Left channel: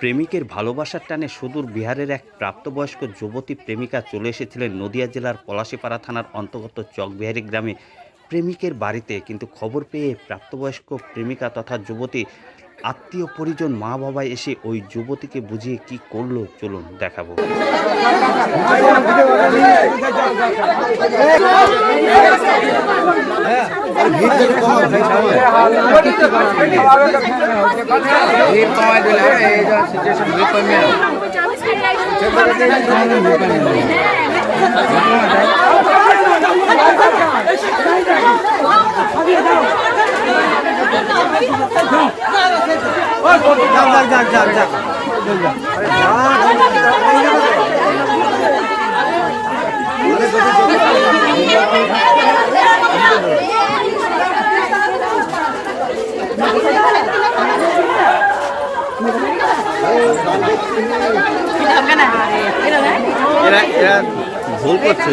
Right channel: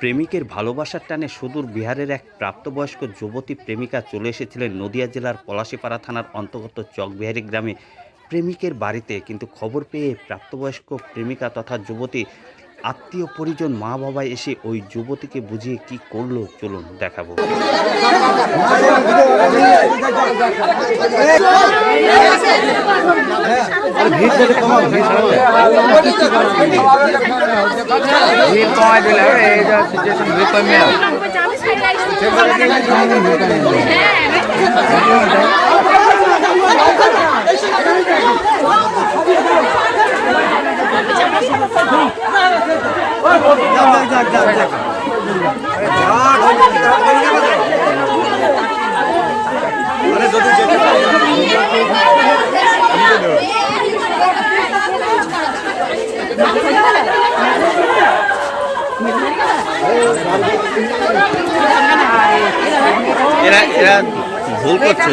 প্রেমিকের ভালোবাসার টানে সুদূর বিহারের এক প্রাপ্তবয়স্ক যুবতী প্রেমিকা চলে এসেছিলেন নদিয়া জেলার পলাশীপাড়া থানার অন্তর্গত চকবিহারি গ্রামে। প্রেমিকের বাড়িতে কিন্তু খবর পেয়ে প্রাপ্তবয়স্ক প্রেমিকা তথা যুবতী আত্মীয় পরিজন মা বাবা এসে ওই যুবতীকে বুঝিয়ে কি করল চলুন দেখাবো। এরা এরা ভুল করছে।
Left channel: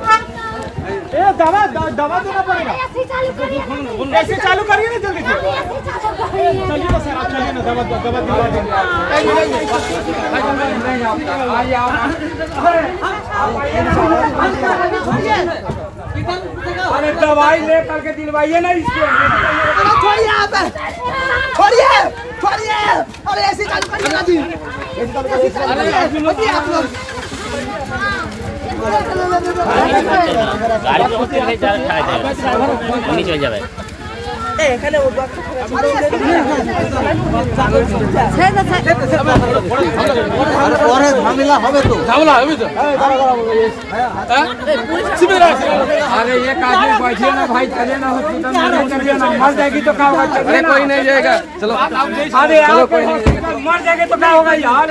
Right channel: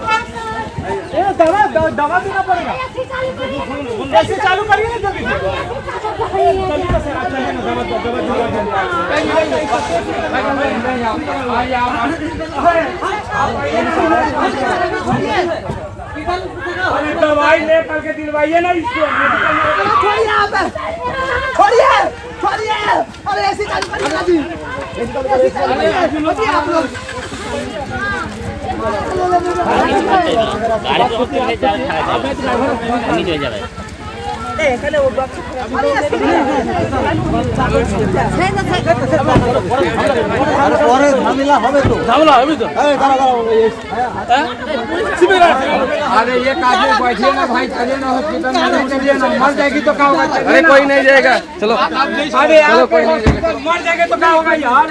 दवा दवा देना पड़ेगा। ऐसे चालू करिए। ना जल्दी चलिए ना सर आप चलिए ना दवा दवा दिलवा अरे दवाई ले करके दिलवाइए ना इसको। छोड़िए आप। छोड़िए छोड़िए अरे ऐसे चालू करिए ना जी। छोड़िए आप लोग। পরে ঝামেলা হবে তো अरे ये काहे बैठिए ना भाई चलिए ना हॉस्पिटल में नहीं चलिए ना मर जाएगी तो क्या होगा अरे कोई नहीं जाएगा चलो अरे चलो कोई नहीं जाएगा मर जाएगा तो क्या होगा यार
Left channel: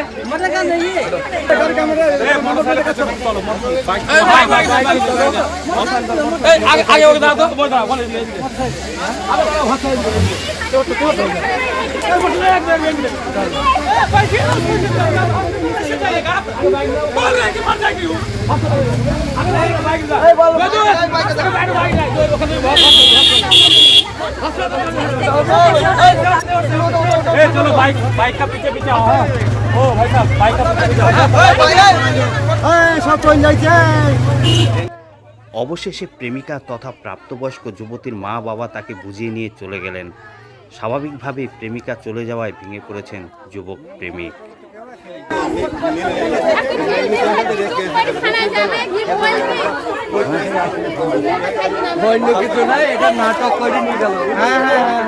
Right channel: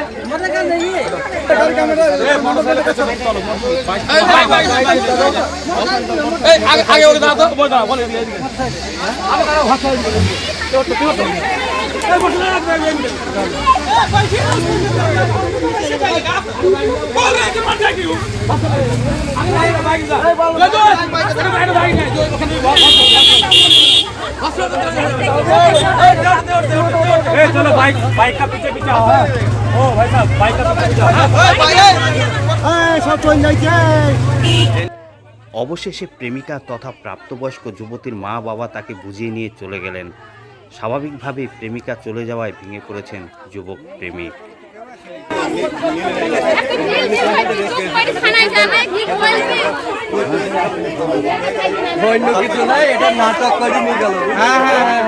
আগে ওকে দাঁড়াতো আমি हो गया तो बोल रहा बोल बोल रहे हैं कि मर जाएगी वो चलो बाइक बाइक का पीछे पीछे आओ हाँ। ओ भाई साहब बाइक का पीछे पीछे आओ সব চলে যাইছে অবশেষে প্রেমিকা তথা প্রাপ্তবয়স্ক যুবতীর মা বাবা তাকে বুঝিয়ে নিয়ে চলে গেলেন স্বাভাবিকভাবেই প্রেমিকা চলে যাওয়ায় ভেঙে পড়েছেন যুবক প্রেমিক এটা নাটক করে নিয়ে গেল। হ্যাঁ হ্যাঁ হ্যাঁ।